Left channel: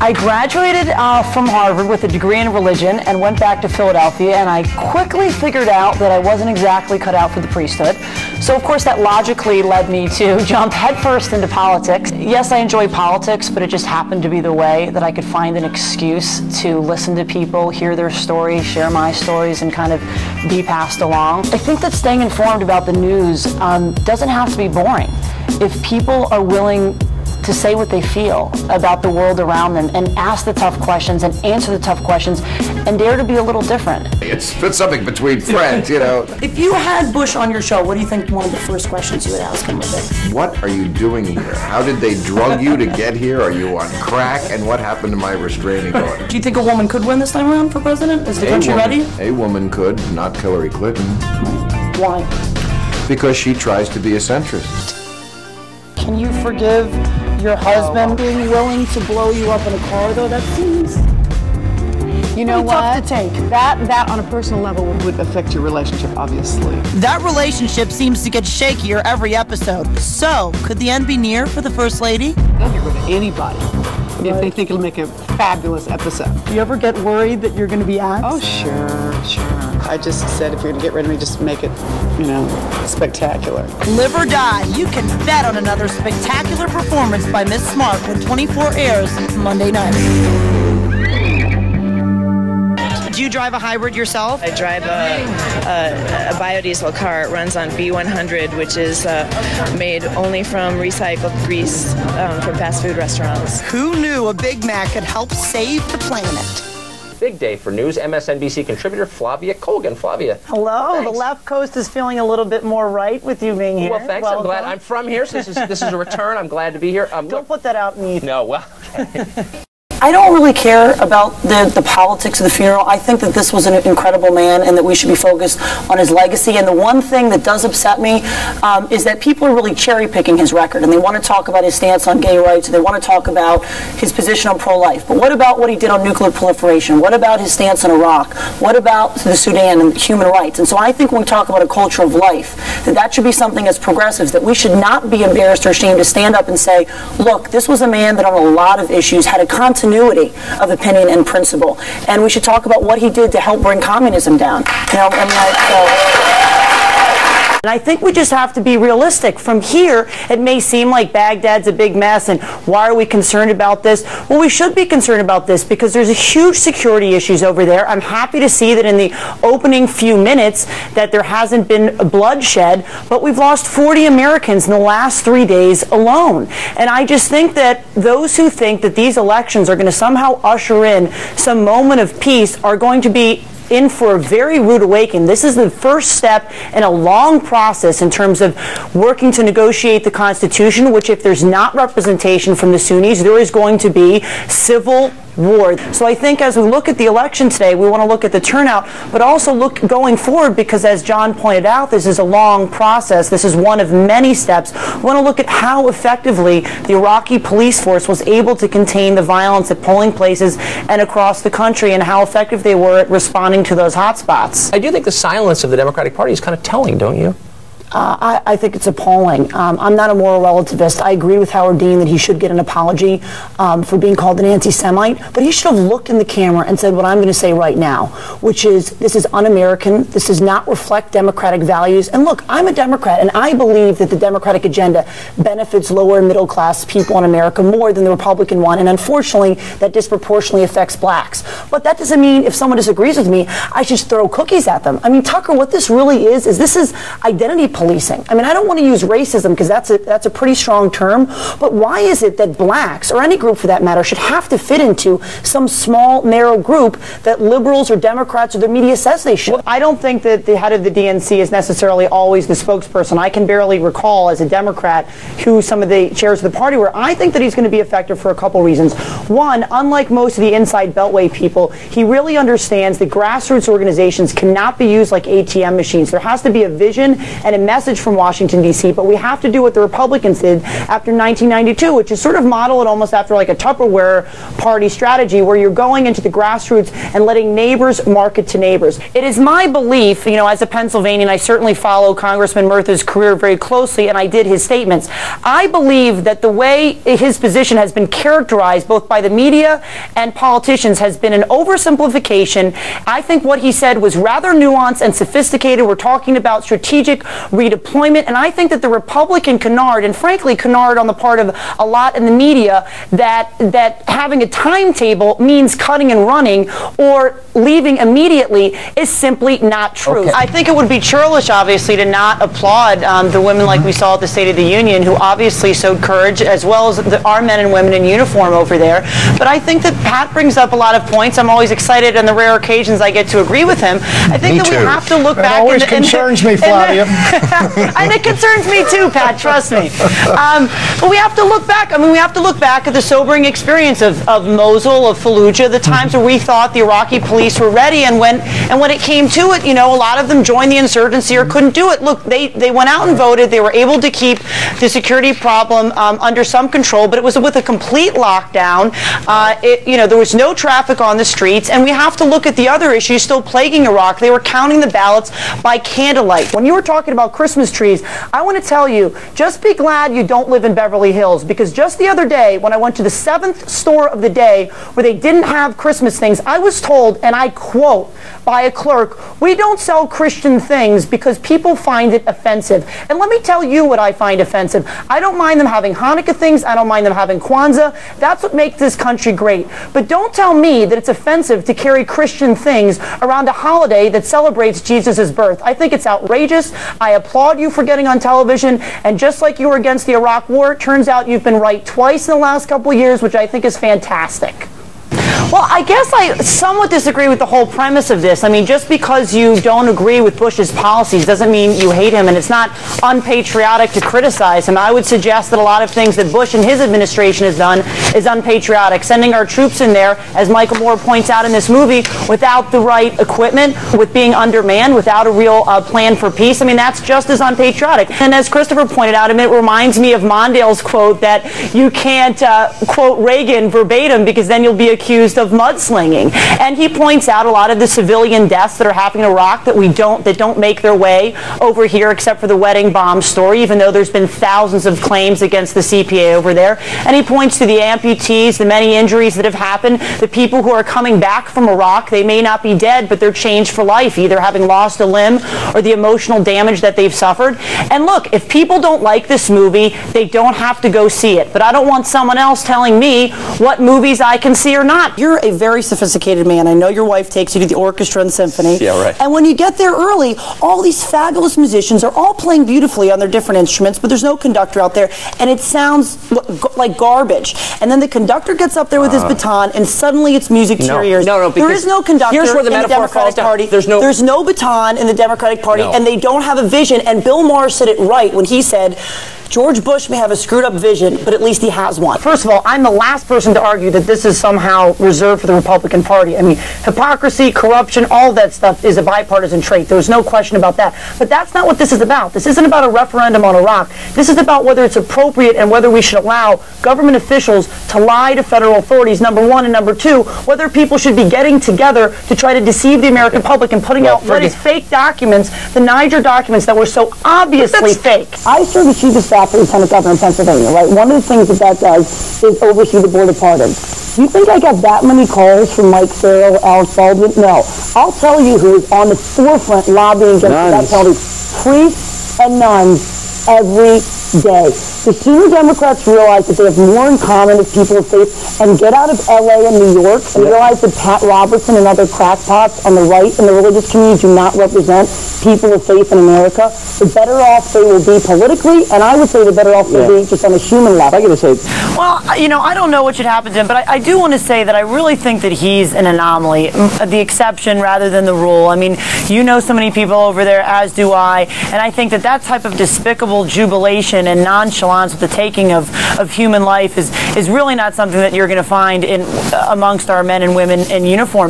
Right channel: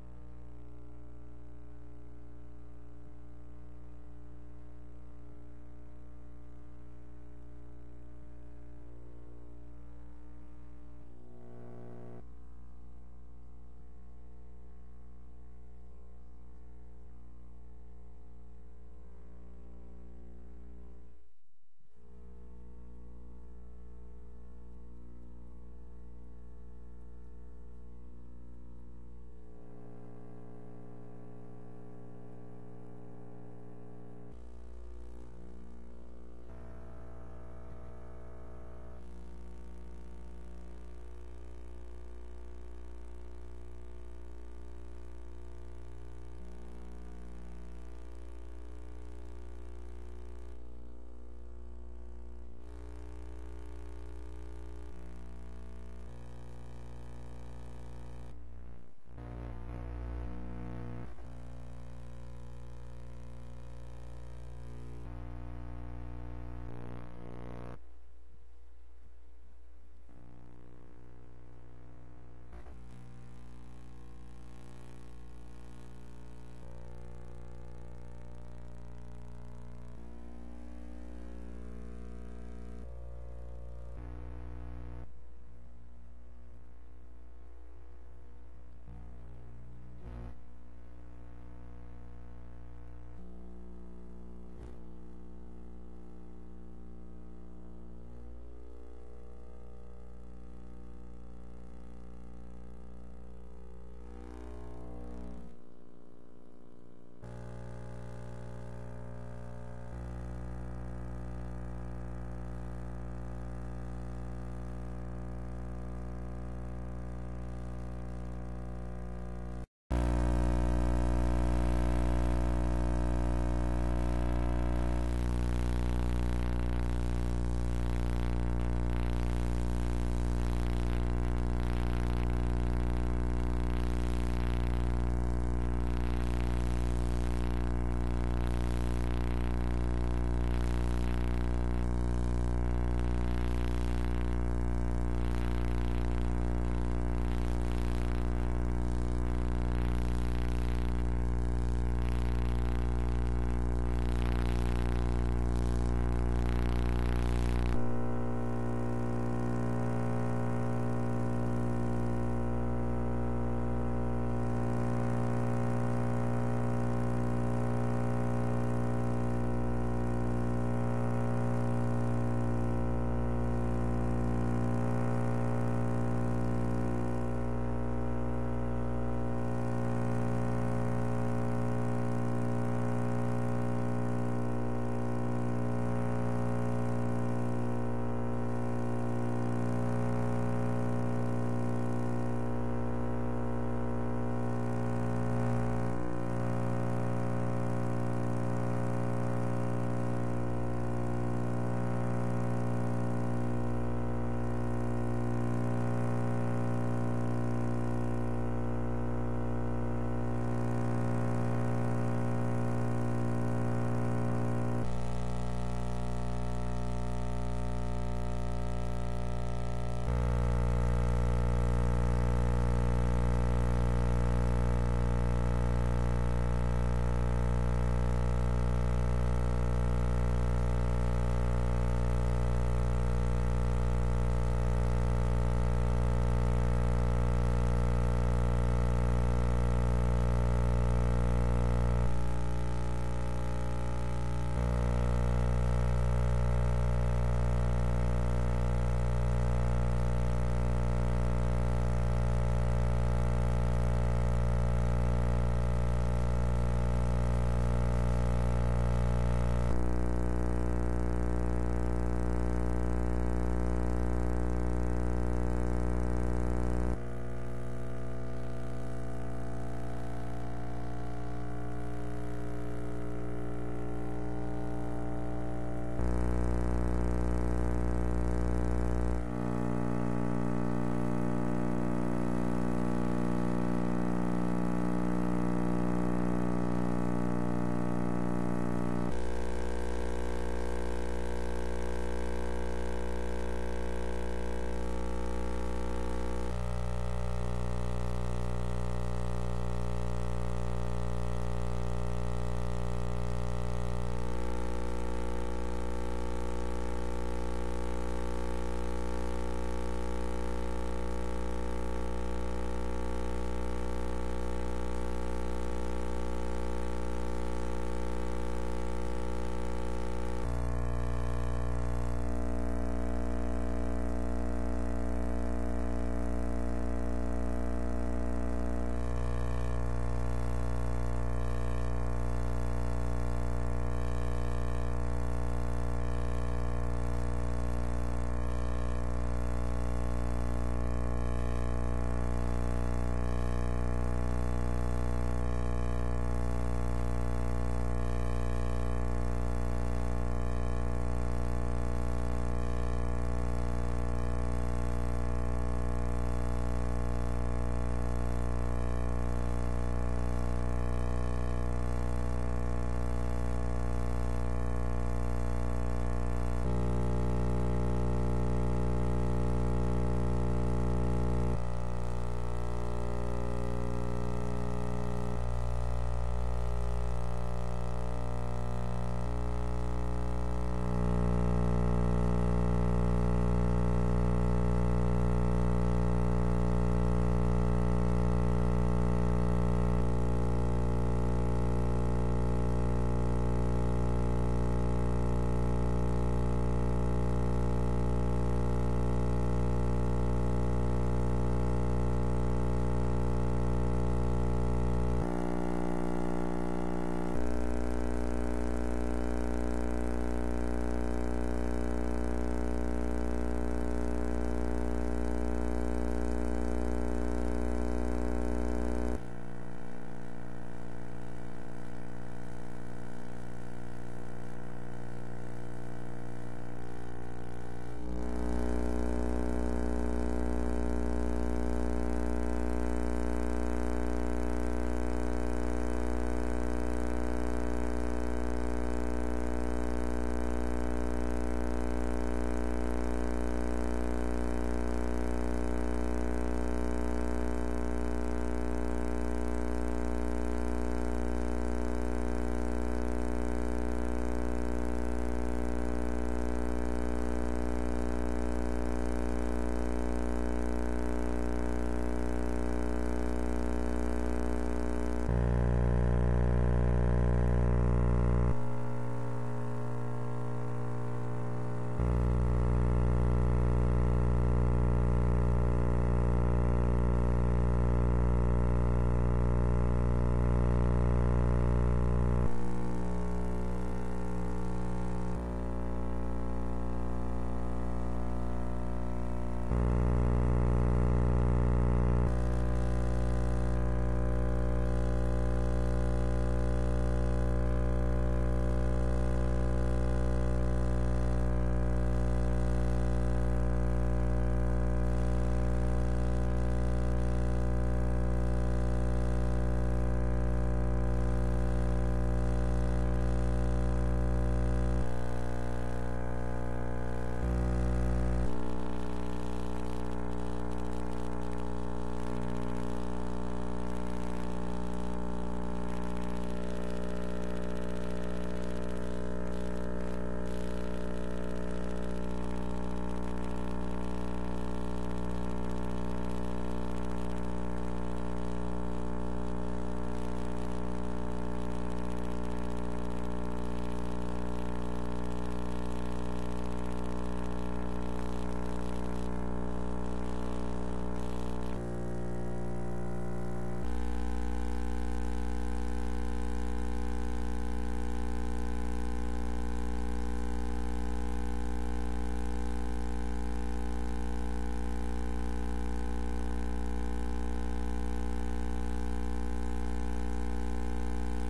I graduated from Harvard with a degree in religion and went back to Philadelphia, and I quickly figured out that I wasn't exactly cut out for the priesthood. So of course that logically led me to jump headfirst into politics. Yes, I enjoy politics, but it just happened to be the way that I could find an excuse to listen to people, hear their stories, share my stories, and kind of be passed along. I think that staying informed about the news doesn't have to be boring. If people are willing to say what they feel about the world around them and ask the tough questions and answer the tough questions and dare to be a little different. It's something between friends, you know. If you had Bush on your show, what do you think one of the first questions you would ask him would be? What are you doing here? How did they drug you to get here? Are you on crack? And what happened to my restraining order? Do you think a woman could win this time around for president? Is the country ready? A woman could, not Hillary Clinton. Why? Because she tries to be a centrist. Can you forgive your husband being willing to blow you up in a car, though? That seems you know what? tough to take. That on a personal level would affect your relationship, obviously. That relationship seems to get shakier every episode. So, could the end be near for the First Lady? They'll get rid of anybody if they think it'll make a fabulous episode. Do you ever get worried that you're going to be axed? Oh, sure. I just said if you're going to get rid of me, just make it, spectacular. Live or die, you can bet on another spectacular performance by Miss Smart when 24 airs Monday night. Do you drive a hybrid yourself? I drive a biodiesel car. It runs on B100, which is made only from recycled grease from fast food restaurants. Who knew a Big Mac could help save the planet? Big day for news. MSNBC contributor Flavia Colgan. Flavia. Hello. Thanks. The left coast is feeling a little bit more right with you being here. Well, thanks. I'm glad. I'm from here, so this is a return. I'm glad to be here. Don't put that out in the ether. No, well, okay. I don't really care about the politics of the funeral. I think that this was an incredible man and that we should be focused on his legacy. And the one thing that does upset me is that people are really cherry-picking his record, and they want to talk about his stance on gay rights, and they want to talk about his position on pro-life. But what about what he did on nuclear proliferation? What about his stance on Iraq? What about the Sudan and human rights? And so I think when we talk about a culture of life, that should be something as progressives, that we should not be embarrassed or ashamed to stand up and say, look, this was a man that on a lot of issues had a continuity of opinion and principle, and we should talk about what he did to help bring communism down. And I think we just have to be realistic. From here, it may seem like Baghdad's a big mess, and why are we concerned about this? Well, we should be concerned about this because there's a huge security issues over there. I'm happy to see that in the opening few minutes that there hasn't been bloodshed, but we've lost 40 Americans in the last 3 days alone. And I just think that those who think that these elections are going to somehow usher in some moment of peace are going to be in for a very rude awakening. This is the first step in a long process in terms of working to negotiate the Constitution, which if there's not representation from the Sunnis, there is going to be civil war. So I think as we look at the election today, we want to look at the turnout, but also look going forward because as John pointed out, this is a long process. This is one of many steps. We want to look at how effectively the Iraqi police force was able to contain the violence at polling places and across the country and how effective they were at responding to those hotspots. I do think the silence of the Democratic Party is kind of telling, don't you? I think it's appalling. I'm not a moral relativist. I agree with Howard Dean that he should get an apology for being called an anti-Semite, but he should have looked in the camera and said what I'm going to say right now, which is this is un-American. This does not reflect Democratic values. And look, I'm a Democrat, and I believe that the Democratic agenda benefits lower and middle class people in America more than the Republican one, and unfortunately, that disproportionately affects blacks. But that doesn't mean if someone disagrees with me, I should throw cookies at them. I mean, Tucker, what this really is this is identity policing. I mean, I don't want to use racism because that's a pretty strong term, but why is it that blacks, or any group for that matter, should have to fit into some small, narrow group that liberals or Democrats or the media says they should? I don't think that the head of the DNC is necessarily always the spokesperson. I can barely recall as a Democrat who some of the chairs of the party were. I think that he's going to be effective for a couple reasons. One, unlike most of the inside Beltway people, he really understands that grassroots organizations cannot be used like ATM machines. There has to be a vision and a message from Washington, D.C., but we have to do what the Republicans did after 1992, which is sort of model it almost after like a Tupperware party strategy where you're going into the grassroots and letting neighbors market to neighbors. It is my belief, you know, as a Pennsylvanian, I certainly follow Congressman Murtha's career very closely, and I did his statements. I believe that the way his position has been characterized both by the media and politicians has been an oversimplification. I think what he said was rather nuanced and sophisticated. We're talking about strategic redeployment, and I think that the Republican canard, and frankly canard on the part of a lot in the media, that having a timetable means cutting and running or leaving immediately is simply not true. Okay. I think it would be churlish, obviously, to not applaud the women like we saw at the State of the Union, who obviously showed courage, as well as our men and women in uniform over there. But I think that Pat brings up a lot of points. I'm always excited on the rare occasions I get to agree with him. I think that we have to look back. It always concerns me, Flavia. And it concerns me too, Pat, trust me. But we have to look back. I mean, we have to look back at the sobering experience of Mosul, of Fallujah, the times where we thought the Iraqi police were ready, and when it came to it, you know, a lot of them joined the insurgency or couldn't do it. Look, they went out and voted. They were able to keep the security problem under some control, but it was with a complete lockdown. You know, there was no traffic on the streets, and we have to look at the other issues still plaguing Iraq. They were counting the ballots by candlelight. When you were talking about Christmas trees, I want to tell you, just be glad you don't live in Beverly Hills, because just the other day, when I went to the 7th store of the day where they didn't have Christmas things, I was told, and I quote, by a clerk, "We don't sell Christian things because people find it offensive." And let me tell you what I find offensive. I don't mind them having Hanukkah things. I don't mind them having Kwanzaa. That's what makes this country great. But don't tell me that it's offensive to carry Christian things around a holiday that celebrates Jesus' birth. I think it's outrageous. I applaud you for getting on television. And just like you were against the Iraq War, it turns out you've been right twice in the last couple of years, which I think is fantastic. Well, I guess I somewhat disagree with the whole premise of this. I mean, just because you don't agree with Bush's policies doesn't mean you hate him, and it's not unpatriotic to criticize him. I would suggest that a lot of things that Bush and his administration has done is unpatriotic. Sending our troops in there, as Michael Moore points out in this movie, without the right equipment, with being undermanned, without a real plan for peace, I mean, that's just as unpatriotic. And as Christopher pointed out, I mean, it reminds me of Mondale's quote that you can't quote Reagan verbatim because then you'll be accused of mudslinging. And he points out a lot of the civilian deaths that are happening in Iraq that don't make their way over here, except for the wedding bomb story, even though there's been thousands of claims against the CPA over there. And he points to the amputees, the many injuries that have happened, the people who are coming back from Iraq. They may not be dead, but they're changed for life, either having lost a limb or the emotional damage that they've suffered. And look, if people don't like this movie, they don't have to go see it. But I don't want someone else telling me what movies I can see or not. You're a very sophisticated man. I know your wife takes you to the orchestra and symphony. Yeah, right. And when you get there early, all these fabulous musicians are all playing beautifully on their different instruments, but there's no conductor out there, and it sounds like garbage. And then the conductor gets up there with his baton, and suddenly it's music to your ears. No, there is no conductor here's where the in the metaphor Democratic falls down. Party. There's no baton in the Democratic Party, and they don't have a vision. And Bill Maher said it right when he said, George Bush may have a screwed up vision, but at least he has one. First of all, I'm the last person to argue that this is somehow reserved for the Republican Party. I mean, hypocrisy, corruption, all that stuff is a bipartisan trait. There's no question about that. But that's not what this is about. This isn't about a referendum on Iraq. This is about whether it's appropriate and whether we should allow government officials to lie to federal authorities, number one, and number two, whether people should be getting together to try to deceive the American public and putting out what is fake documents, the Niger documents that were so obviously fake. I serve as chief of staff for Lieutenant Governor in Pennsylvania, right? One of the things that does is oversee the Board of Pardons. You think I got that many calls from Mike Farrell, Alex Baldwin? No. I'll tell you who is on the forefront lobbying against that penalty. Priests and nuns every day. The senior Democrats realize that they have more in common with people of faith and get out of L.A. and New York and realize that Pat Robertson and other crackpots on the right in the religious community do not represent people of faith in America. The better off they will be politically, and I would say the better off they'll be just on a human level. I'm going to say, well, you know, I don't know what should happen to him, but I do want to say that I really think that he's an anomaly, the exception rather than the rule. I mean, you know so many people over there, as do I, and I think that that type of despicable jubilation and nonchalance with the taking of human life is really not something that you're going to find amongst our men and women in uniform.